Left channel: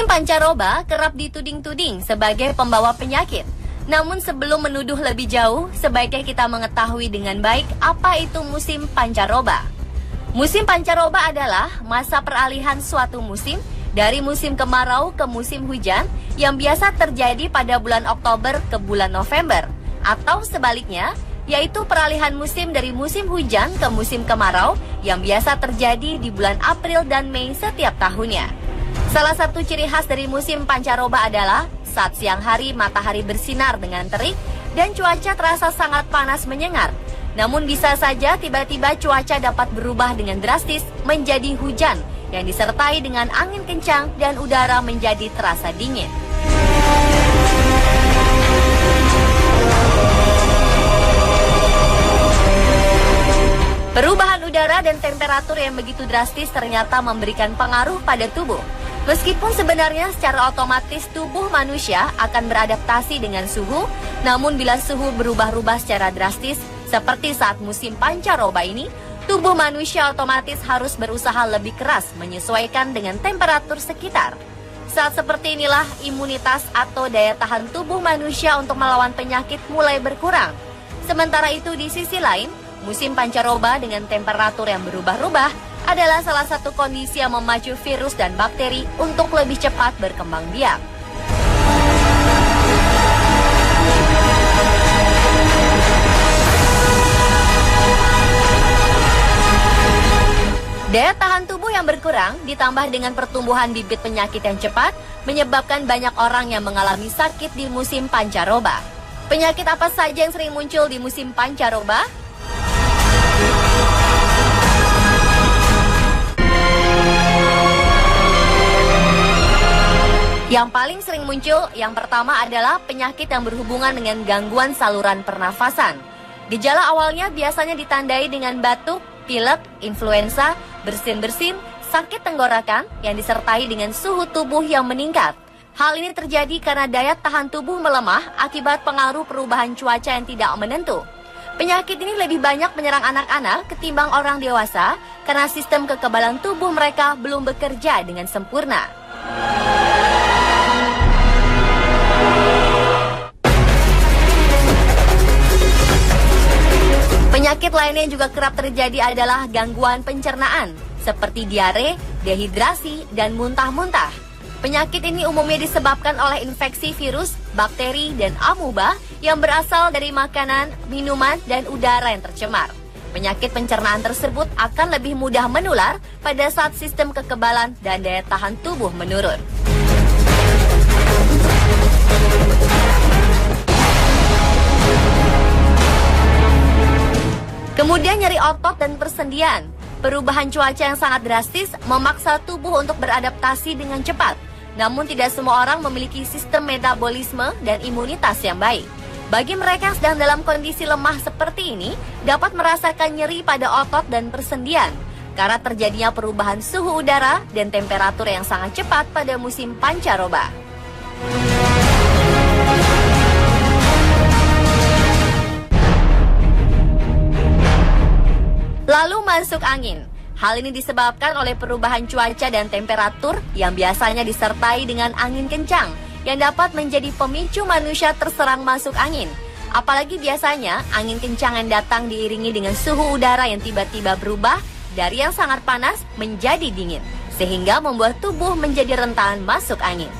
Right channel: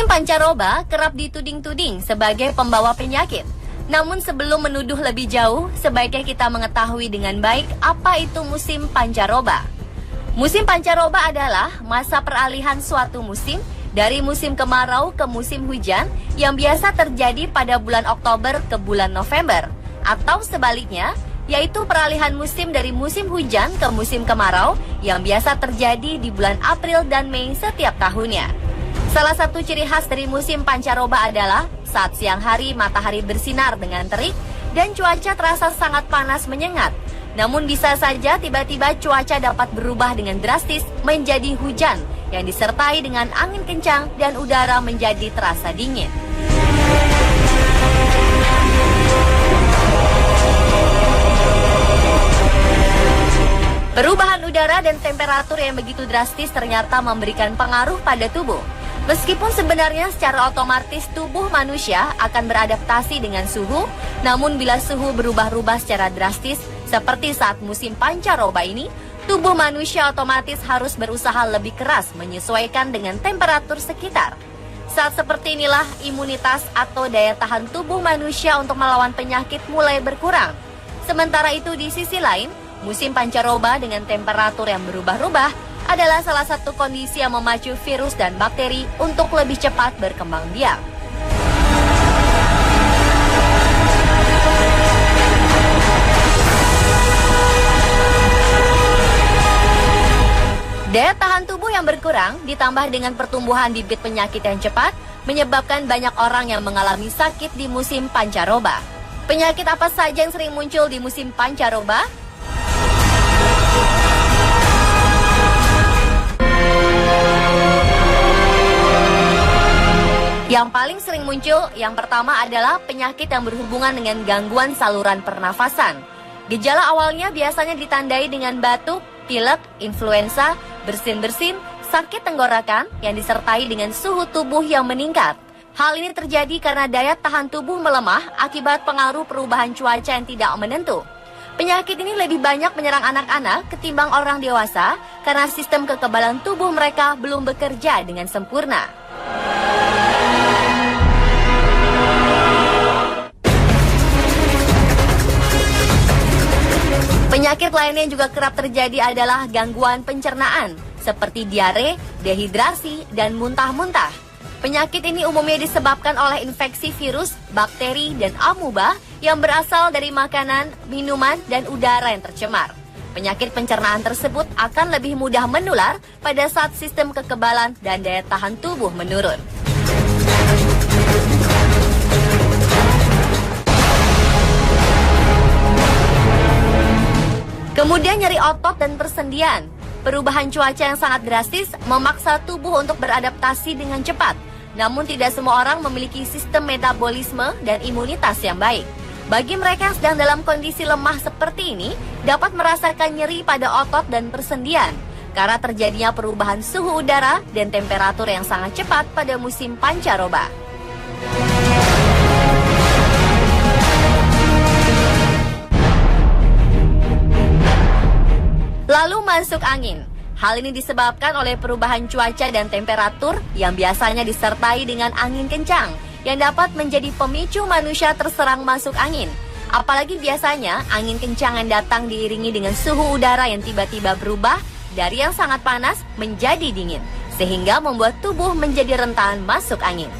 Musim pancaroba kerap dituding-tuding sebagai pembawa penyakit. Namun sebelum menuduh lebih jauh, sebaiknya kita mengetahui dengan baik apa itu musim pancaroba. Musim pancaroba adalah masa peralihan suatu musim dari musim kemarau ke musim hujan yang biasa terjadi pada bulan Oktober ke bulan November, atau sebaliknya, yaitu peralihan musim dari musim hujan ke musim kemarau yang biasa terjadi di bulan April dan Mei setiap tahunnya. Salah satu ciri khas dari musim pancaroba adalah saat siang hari matahari bersinar dengan terik dan cuaca terasa sangat panas menyengat. Namun bisa saja tiba-tiba cuaca dapat berubah dengan drastis menjadi hujan yang disertai dengan angin kencang dan udara menjadi terasa dingin. Perubahan udara dan temperatur yang begitu drastis ternyata memberikan pengaruh pada tubuh. Meskipun sebenarnya secara otomatis tubuh manusia akan beradaptasi dengan suhu, namun bila suhu berubah-ubah secara drastis, seperti saat musim pancaroba ini, tubuh manusia otomatis harus berusaha lebih keras menyesuaikan dengan temperatur sekitar. Saat seperti inilah imunitas atau daya tahan tubuh manusia untuk melawan penyakit mulai berkurang. Sementara itu di sisi lain, musim pancaroba dengan temperatur yang berubah-ubah adalah salah satu kondisi yang memacu virus dan bakteri untuk lebih cepat berkembang biak. Daya tahan tubuh yang berkurang ditambah dengan pertumbuhan bibit penyakit yang cepat menyebabkan banyak orang yang mengalami sakit di musim pancaroba. Penyakit apa saja yang sering muncul di musim pancaroba? Yang paling sering muncul, yang pertama adalah penyakit yang berhubungan dengan gangguan saluran pernafasan. Gejala awalnya biasanya ditandai dengan batuk, pilek, influenza, bersin-bersin, sakit tenggorokan yang disertai dengan suhu tubuh yang meningkat. Hal ini terjadi karena daya tahan tubuh melemah akibat pengaruh perubahan cuaca yang tidak menentu. Penyakit ini lebih banyak menyerang anak-anak ketimbang orang dewasa karena sistem kekebalan tubuh mereka belum bekerja dengan sempurna. Penyakit lainnya juga kerap terjadi adalah gangguan pencernaan, seperti diare, dehidrasi, dan muntah-muntah. Penyakit ini umumnya disebabkan oleh infeksi virus, bakteri, dan amuba yang berasal dari makanan, minuman, dan udara yang tercemar. Penyakit pencernaan tersebut akan lebih mudah menular pada saat sistem kekebalan dan daya tahan tubuh menurun. Kemudian nyeri otot dan persendian. Perubahan cuaca yang sangat drastis memaksa tubuh untuk beradaptasi dengan cepat. Namun tidak semua orang memiliki sistem metabolisme dan imunitas yang baik. Bagi mereka yang sedang dalam kondisi lemah seperti ini, dapat merasakan nyeri pada otot dan persendian karena terjadinya perubahan suhu udara dan temperatur yang sangat cepat pada musim pancaroba. Masuk angin. Hal ini disebabkan oleh perubahan cuaca dan temperatur yang biasanya disertai dengan angin kencang yang dapat menjadi pemicu manusia terserang masuk angin. Apalagi biasanya angin kencang yang datang diiringi dengan suhu udara yang tiba-tiba berubah dari yang sangat panas menjadi dingin, sehingga membuat tubuh menjadi rentan masuk angin.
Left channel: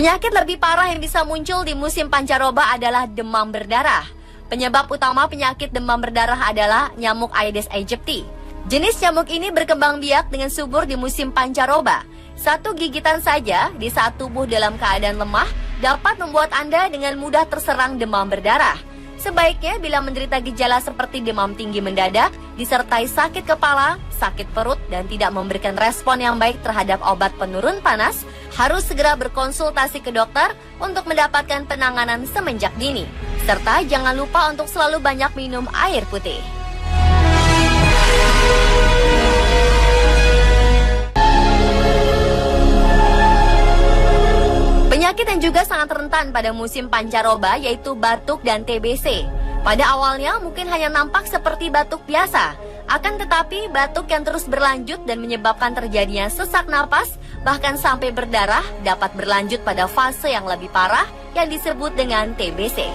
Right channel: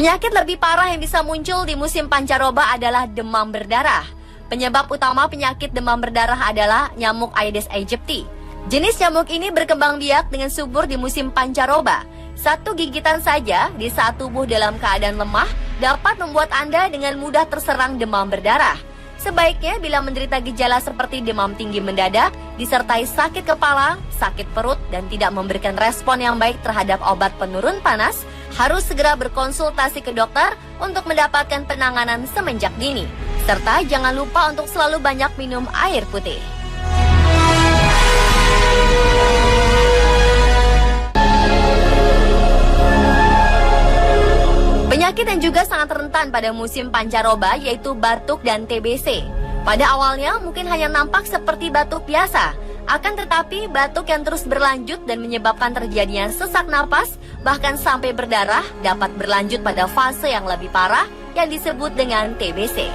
Penyakit lebih parah yang bisa muncul di musim pancaroba adalah demam berdarah. Penyebab utama penyakit demam berdarah adalah nyamuk Aedes aegypti. Jenis nyamuk ini berkembang biak dengan subur di musim pancaroba. Satu gigitan saja di saat tubuh dalam keadaan lemah dapat membuat Anda dengan mudah terserang demam berdarah. Sebaiknya bila menderita gejala seperti demam tinggi mendadak, disertai sakit kepala, sakit perut, dan tidak memberikan respon yang baik terhadap obat penurun panas, harus segera berkonsultasi ke dokter untuk mendapatkan penanganan semenjak dini. Serta jangan lupa untuk selalu banyak minum air putih. Penyakit yang juga sangat rentan pada musim pancaroba yaitu batuk dan TBC. Pada awalnya mungkin hanya nampak seperti batuk biasa, akan tetapi batuk yang terus berlanjut dan menyebabkan terjadinya sesak napas, bahkan sampai berdarah, dapat berlanjut pada fase yang lebih parah yang disebut dengan TBC.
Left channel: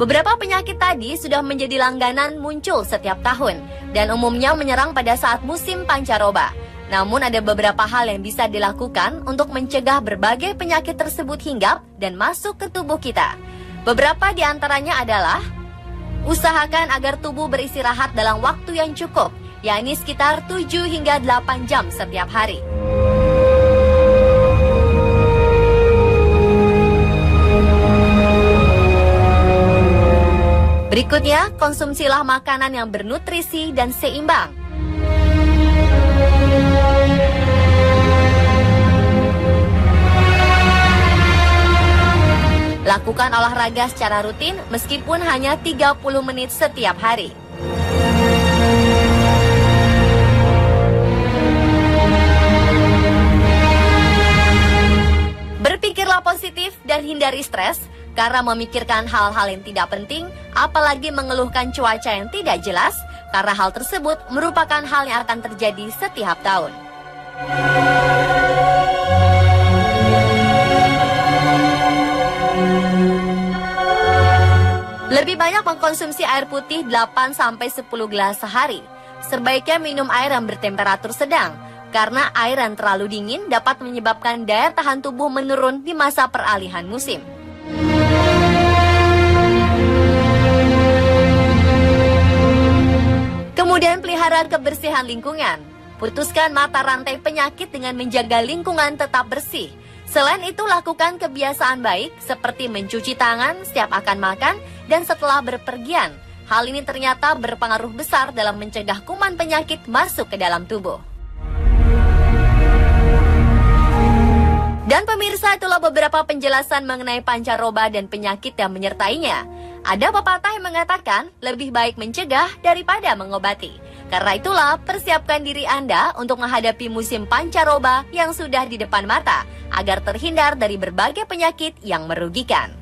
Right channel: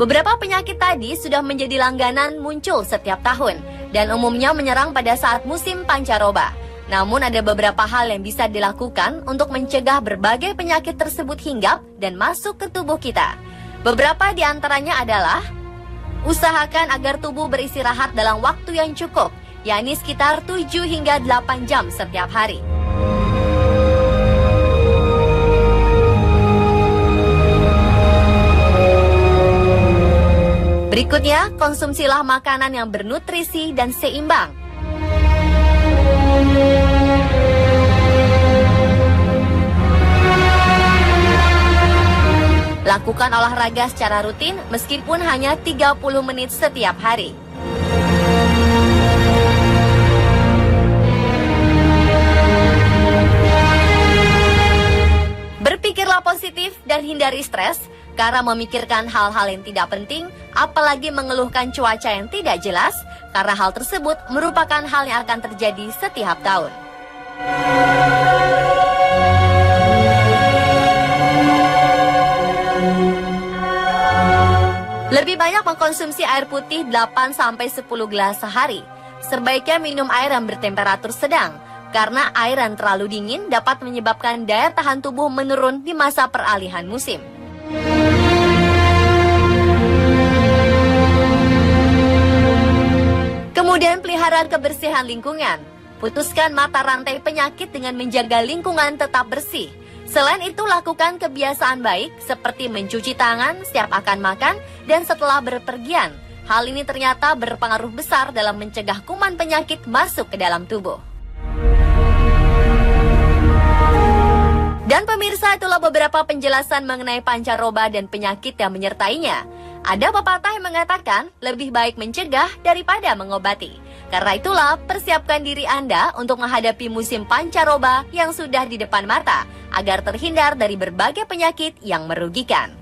Beberapa penyakit tadi sudah menjadi langganan muncul setiap tahun dan umumnya menyerang pada saat musim pancaroba. Namun ada beberapa hal yang bisa dilakukan untuk mencegah berbagai penyakit tersebut hinggap dan masuk ke tubuh kita. Beberapa di antaranya adalah: usahakan agar tubuh beristirahat dalam waktu yang cukup, yakni sekitar 7 hingga 8 jam setiap hari. Berikutnya, konsumsilah makanan yang bernutrisi dan seimbang. Lakukan olahraga secara rutin meskipun hanya 30 menit setiap hari. Berpikirlah positif dan hindari stres, karena memikirkan hal-hal yang tidak penting, apalagi mengeluhkan cuaca yang tidak jelas, karena hal tersebut merupakan hal yang akan terjadi setiap tahun. Lebih banyak mengkonsumsi air putih 8-10 gelas sehari. Sebaiknya minum air yang bertemperatur sedang, karena air yang terlalu dingin dapat menyebabkan daya tahan tubuh menurun di masa peralihan musim. Kemudian pelihara kebersihan lingkungan. Putuskan mata rantai penyakit dengan menjaga lingkungan tetap bersih. Selain itu, lakukan kebiasaan baik seperti mencuci tangan setiap akan makan dan setelah berpergian. Hal ini ternyata berpengaruh besar dalam mencegah kuman penyakit masuk ke dalam tubuh. Dan pemirsa, itulah beberapa penjelasan mengenai pancaroba dan penyakit yang menyertainya. Ada pepatah yang mengatakan lebih baik mencegah daripada mengobati. Karena itulah, persiapkan diri Anda untuk menghadapi musim pancaroba yang sudah di depan mata, agar terhindar dari berbagai penyakit yang merugikan.